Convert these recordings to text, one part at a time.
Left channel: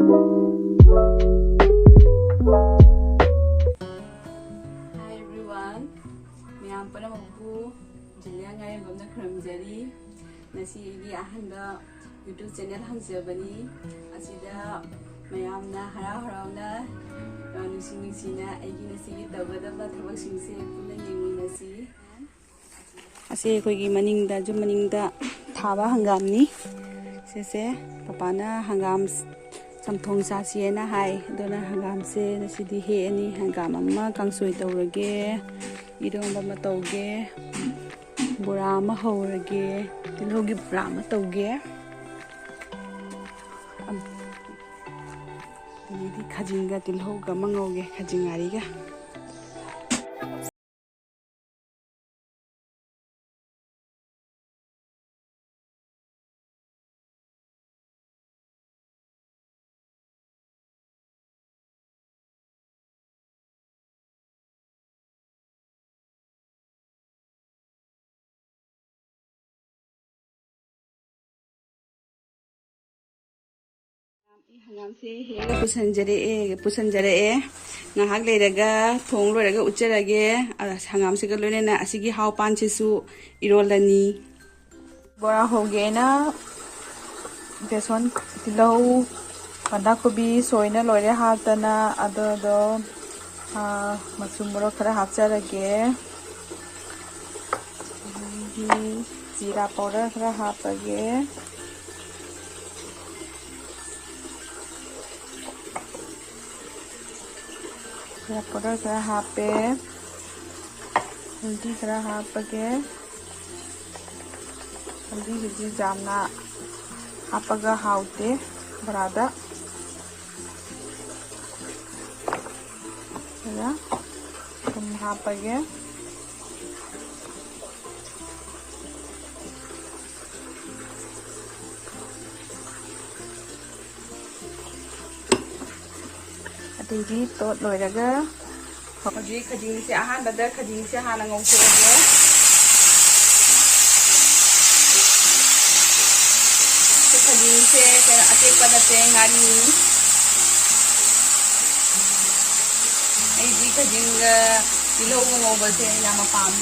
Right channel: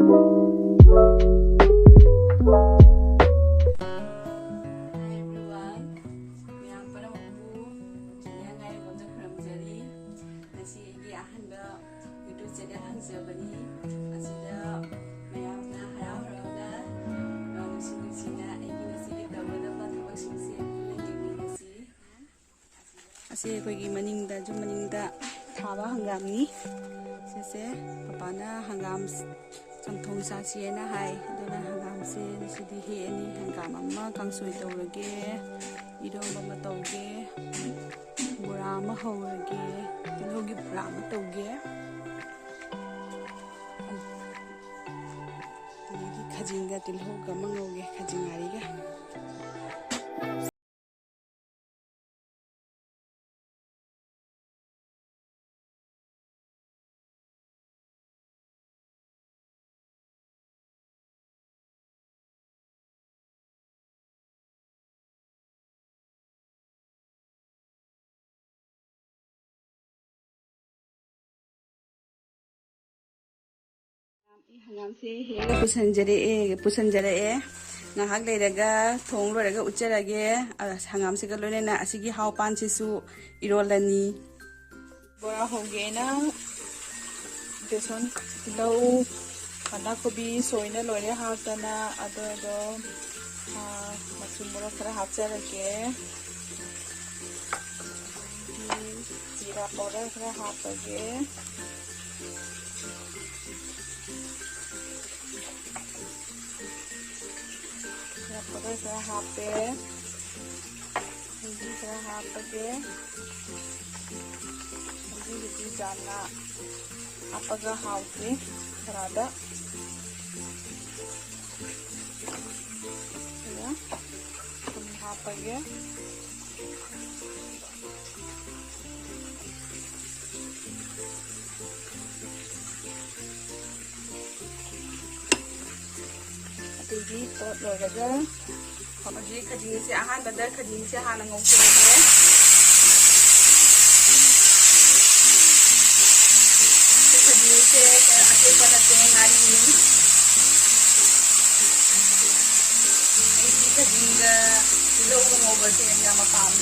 everyone, mayam panamabu junior ngayon khramjari nasi gi ahanba YouTube channel hangjabani asida mayamna harau-harauna nusi-nusina aigi nasi gi tawgadaba thawak singse puna yengminasi ase koigi maningda ju maningda thaba hangamni sese papana hangam samthong sasiena hai adona hangam se nasidi he ani hangam amma kangsoi tawrage iromba ma tawge bura ma haurage tilhogi bura ma tawge amdi khajinga tilhoga mangoge khajingariga hangam se hega pusanjare ngahak leiraga thong loiraga ucherage hangam se ga loinena asigi haw pan chisu irolani bora hoge na beson tilau banda kobi soina loire hatana ado machum borok khara hapcharage jira powder khara hapage powder kara hape haldi kara hapage haldi hiji jamna hapaga haute barada ya tum hapage Jadi tot loiraga hoji khading se ahanbada khading se hana ngongsoge khading se atepada tengani ai khading ga tilo ngoba se yama pam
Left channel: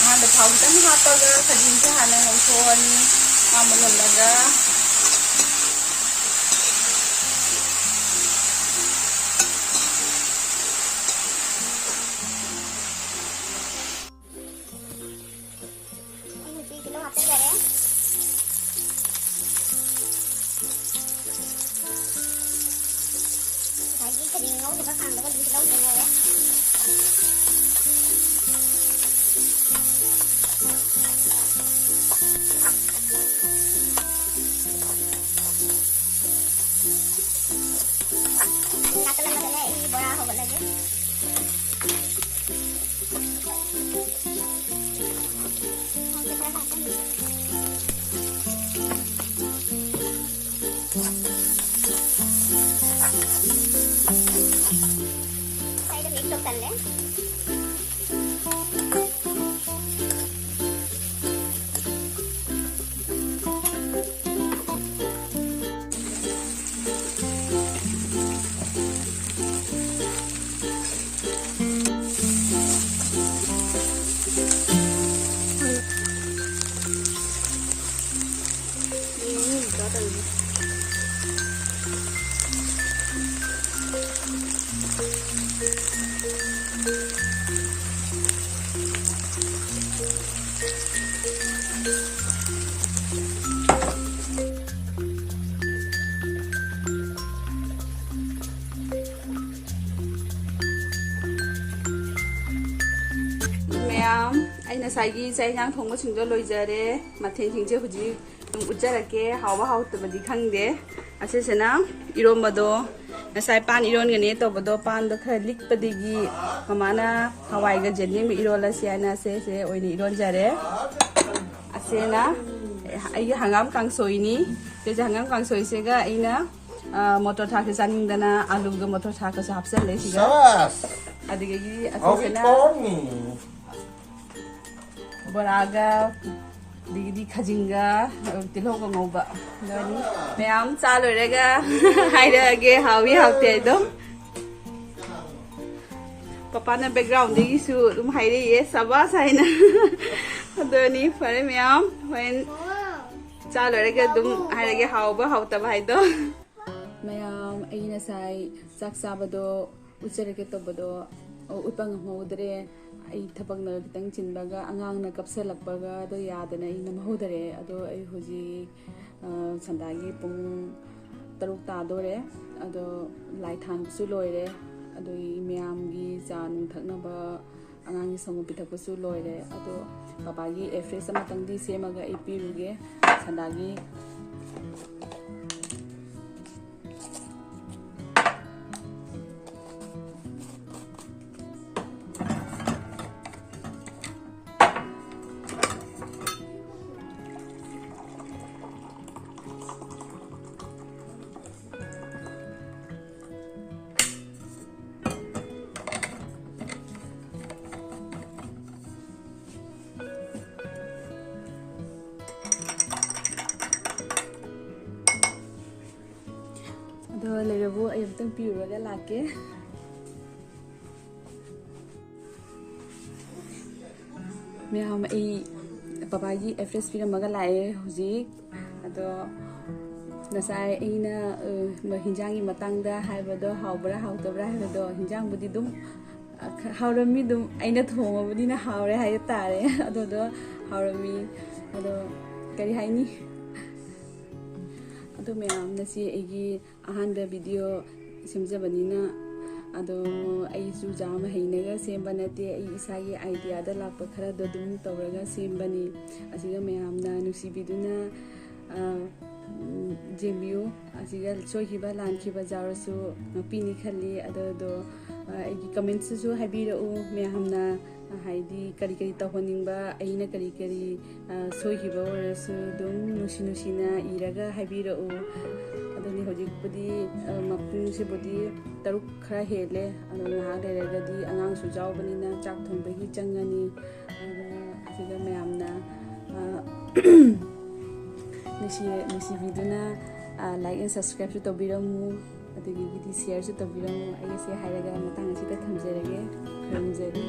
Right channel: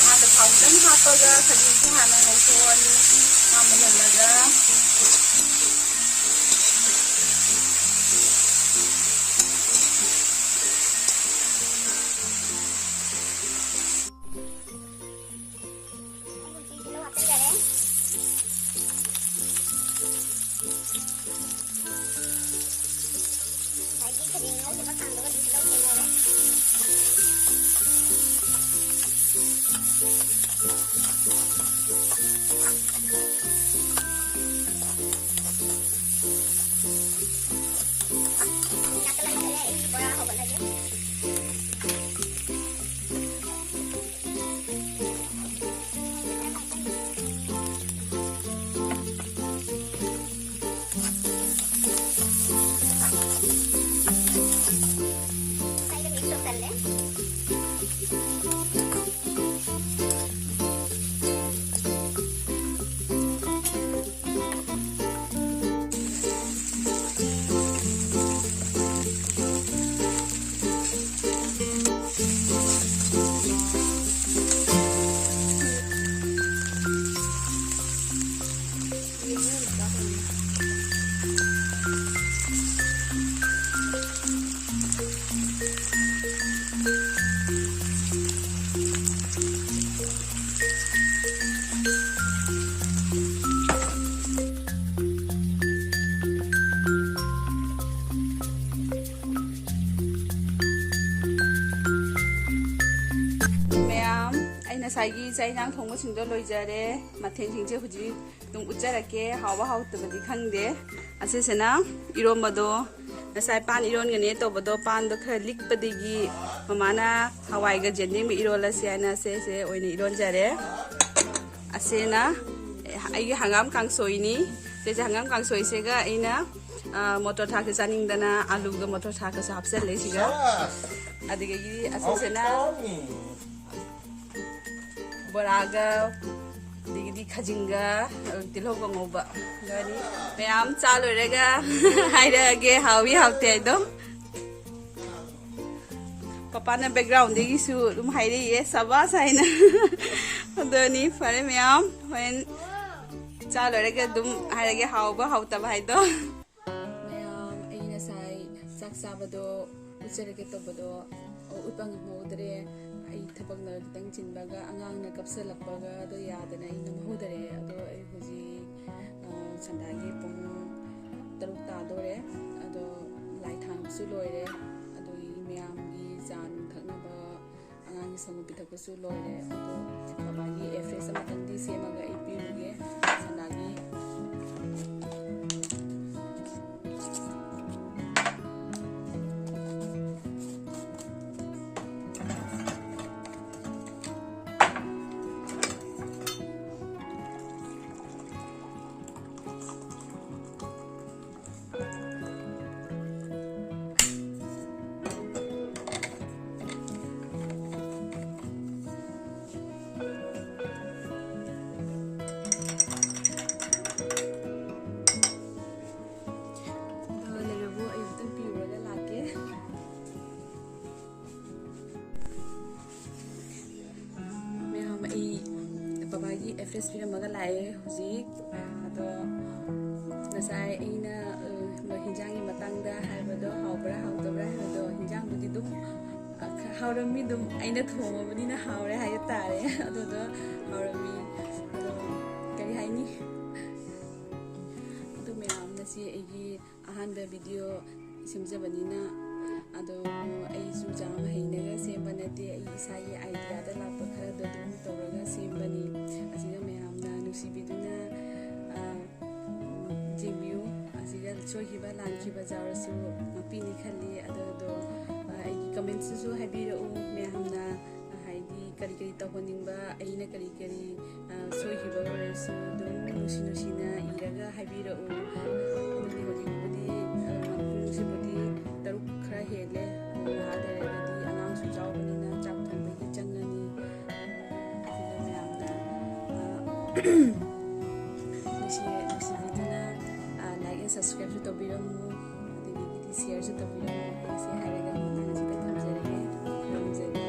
ahanda thawtan hapaga khading se hana ngongsoni amalolaga ꯉꯁꯥꯏꯒꯤ ꯆꯥꯛ ꯏꯟꯁꯥꯡ ꯊꯣꯡꯕꯁꯤꯡꯗꯣ ꯂꯣꯏꯖꯔꯦ ꯃꯊꯦꯜꯁꯤꯡꯁꯦ ꯍꯧꯖꯤꯛ ꯎꯠꯆꯔꯛꯀꯦ ꯍꯥꯎꯕ ꯍꯥꯎꯇꯕꯗꯤ ꯈꯪꯗꯦ ꯑꯁꯤꯁꯤꯅ ꯏꯔꯣꯝꯕꯗꯣ ꯉꯁꯥꯏ ꯄꯥꯟ ꯏꯔꯣꯟꯒꯅꯤ ꯇꯧꯕꯗꯣ ꯄꯥꯟꯗꯣ ꯈꯔ ꯂꯤꯛꯄꯗꯒꯤ ꯃꯃꯥꯅ ꯍꯋꯥꯏꯒ ꯖꯦꯟꯗꯦꯡꯒ ꯏꯔꯣꯜꯂꯁꯤ ꯍꯥꯏꯅ ꯁꯦ ꯑꯣꯏꯅ ꯏꯔꯣꯟꯖꯔꯦ ꯑꯁꯤꯅ ꯑꯩꯒꯤ ꯍꯪꯒꯥꯝ ꯀꯥꯡꯁꯣꯏꯅꯤ ꯁꯤꯁꯦ ꯍꯪꯒꯥꯝ ꯀꯥꯡꯁꯣꯏꯁꯤꯒ ꯑꯩꯅ motor thaka chaningdana aluga motor thaka sa hapsale siga adigagi asisena boraga ꯑꯗꯒꯤꯗꯤ ꯈꯥꯖꯤꯡꯒ ꯇꯤꯜꯍꯧꯒ ꯉꯧꯕ ꯑꯗꯨꯅꯤ ꯃꯌꯥꯝ ꯆꯥ ꯂꯣꯏꯔꯒ ꯍꯥꯏꯔꯛꯑꯒꯦ ꯍꯥꯎꯏ ꯍꯥꯎꯇꯦ ꯑꯗꯨꯝ ꯄꯄꯥꯅ ꯕꯦꯛꯒ꯭ꯔꯥꯎꯟꯗꯒꯤꯁꯨ ꯑꯗꯨꯝ ꯍꯥꯏꯔꯛꯏꯌꯦ ꯁꯕꯥꯁ ꯍꯥꯏꯅ ꯑꯗꯨꯅꯤ ꯐꯔꯦ ꯃꯌꯥꯝ ꯍꯣꯔꯦꯟ ꯆꯥ ꯂꯣꯏꯔꯒ ꯑꯗꯨꯝ ꯍꯥꯏꯔꯒꯦ ꯍꯥꯎꯕ ꯍꯥꯎꯇꯕ ꯍꯥꯏꯗꯣ ꯃꯌꯥꯝ ꯑꯩ ꯉꯁꯥꯏ ꯆꯥꯛ ꯆꯥꯕꯗꯣ ꯎꯠꯆꯔꯒꯦ ꯇꯧꯕꯗꯣ ꯎꯠꯄ ꯉꯝꯍꯧꯗ꯭ꯔꯦ ꯑꯩ ꯊꯕꯛꯅ ꯈꯤꯇꯪ ꯆꯤꯟꯕꯒ ꯑꯉꯥꯡꯅ ꯀꯞꯁꯜꯂꯛꯄꯒ ꯑꯗꯣ ꯌꯥꯗꯅ ꯑꯩ ꯅꯝꯍꯧꯗꯔꯦ ꯑꯗꯣ ꯑꯩ ꯍꯧꯖꯤꯛ ꯁꯟꯗꯥꯒꯤ ꯄꯨꯡ 6 ꯇꯥꯗꯣꯔꯦ ꯑꯗꯣ ꯂꯥꯏ ꯊꯥꯟꯕꯁꯨ ꯂꯣꯏꯔꯦ ꯑꯗꯨꯒꯤ ꯃꯌꯥꯝꯒꯤ ꯆꯥ ꯅꯨꯡ ꯊꯛꯅꯕ ꯑꯉꯥꯡꯒꯤ ꯁꯪꯒꯣꯝ ꯄꯤꯊꯛꯄꯁꯨ ꯂꯣꯏꯔꯦ ꯑꯗꯣ ꯕꯕꯥꯒꯤ ꯑꯦꯐ꯭ꯔꯦꯁ ꯑꯃꯇꯪꯗꯤ ꯁꯦꯝꯃꯒ ꯑꯩ ꯄꯤꯔꯨꯒꯦ ꯁꯟꯗꯥꯒꯤ ꯂꯩꯔꯕꯨ ꯑꯩ ꯑꯃꯇꯪ ꯄꯤꯔꯨꯔꯒ ꯂꯥꯛꯀꯦ ꯃꯌꯥꯝ ꯑꯩ ꯕꯕꯥꯒꯤ ꯑꯦꯐ꯭ꯔꯦꯁ ꯄꯤꯔꯝꯃꯒ ꯂꯥꯛꯑꯦ ꯍꯧꯖꯤꯛ ꯑꯗꯣ ꯉꯁꯥꯏ ꯑꯩꯅ ꯍꯤꯟꯖꯥꯡꯒꯤ ꯃꯇꯥꯡꯗ ꯍꯥꯏꯕꯗꯣ ꯍꯥꯎꯕ꯭ꯔꯥ ꯍꯥꯎꯇꯕ꯭ꯔꯥ ꯍꯥꯏꯕꯗꯣ ꯍꯤꯟꯖꯥꯡꯕꯨꯗꯤ ꯑꯗꯨꯝ ꯍꯥꯎꯔꯝꯃꯤ ꯑꯗꯨꯝ ꯑꯩꯅ ꯊꯣꯡꯉꯕꯅꯤꯅ ꯍꯥꯎꯔꯦ ꯍꯥꯏꯕ ꯇꯥꯔꯦ ꯑꯗꯨꯗꯣ ꯍꯥꯎꯔꯝꯃꯤ ꯑꯗꯣ ꯀꯔꯤ ꯍꯥꯏꯅꯤ ꯑꯗꯣ ꯃꯌꯥꯝ ꯉꯁꯤ ꯑꯩꯒꯤ ꯑꯍꯥꯟꯕ ꯚꯤꯗꯤꯑꯣ ꯁꯦꯝꯖꯕꯅꯤꯅ ꯑꯗꯣ ꯑꯩꯁꯨ ꯌꯥꯝ ꯍꯩꯅꯒ ꯁꯦꯝꯕ ꯅꯠꯇꯦ ꯑꯩ ꯏꯁꯥꯒꯤ ꯑꯥꯏꯗꯤꯌꯥꯗ ꯂꯥꯛꯄ ꯈꯔꯗꯣ ꯑꯗꯨꯝ ꯇꯧꯔꯒ ꯁꯦꯝꯕꯅꯤ ꯑꯁꯤꯗ ꯃꯌꯥꯝꯅ ꯅꯨꯡꯁꯤꯕꯤꯗꯨꯅ ꯌꯦꯡꯕꯤꯌꯨ ꯑꯁꯤꯗ ꯁꯣꯏꯈꯤꯕ ꯂꯥꯟꯈꯤꯕ ꯌꯥꯎꯔꯁꯨ ꯉꯥꯛꯄꯤꯅꯤ ꯈꯜꯂꯤ ꯑꯗꯨꯗꯣ ꯑꯩꯒꯤ ꯀꯃꯦꯟꯠꯁꯨ ꯍꯥꯏꯕꯤꯔꯛꯎ ꯃꯌꯥꯝꯅ ꯍꯥꯏꯗꯤ ꯀꯔꯤ ꯀꯔꯤ ꯇꯧꯍꯟꯅꯤꯡꯕ ꯑꯩꯅ ꯀꯔꯤ ꯀꯔꯤ ꯁꯣꯏꯈꯤꯕ ꯑꯣꯏꯔꯁꯨ ꯑꯗꯨꯝ ꯅꯨꯡꯁꯤꯅ ꯏꯔꯒ ꯍꯥꯏꯕꯤꯔꯛꯎ ꯑꯗꯨꯗꯤ ꯍꯧꯖꯤꯛꯄꯨꯗꯤ ꯄꯨꯡꯁꯤꯕꯨꯗꯤ 6 ꯈꯔ ꯍꯦꯜꯂꯦ ꯑꯗꯨ ꯉꯥꯏꯍꯥꯛ ꯂꯩꯔꯒꯗꯤ ꯑꯉꯥꯡꯁꯨ ꯌꯥꯎꯕꯅꯤꯅ ꯆꯥꯛ ꯊꯣꯡꯕꯒꯤ ꯆꯪꯉꯅꯤ ꯑꯁꯤꯗ ꯃꯌꯥꯝꯅ ꯅꯨꯡꯁꯤꯕꯤꯗꯨꯅ ꯂꯥꯏꯛ ꯑꯦꯟ ꯁꯕꯁꯀ꯭ꯔꯥꯏꯕꯁꯨ ꯇꯧꯕꯤꯔꯝꯃꯨ ꯑꯗꯒꯤꯗꯤ ꯁꯤꯌꯔꯁꯨ ꯇꯧꯕꯤꯔꯝꯃꯨ ꯑꯩ ꯑꯁꯤ ꯍꯥꯏꯔꯒ ꯃꯇꯥꯡ ꯑꯁꯤꯗ ꯊꯝꯖꯔꯒꯦ ꯈꯨꯔꯨꯝꯖꯔꯤ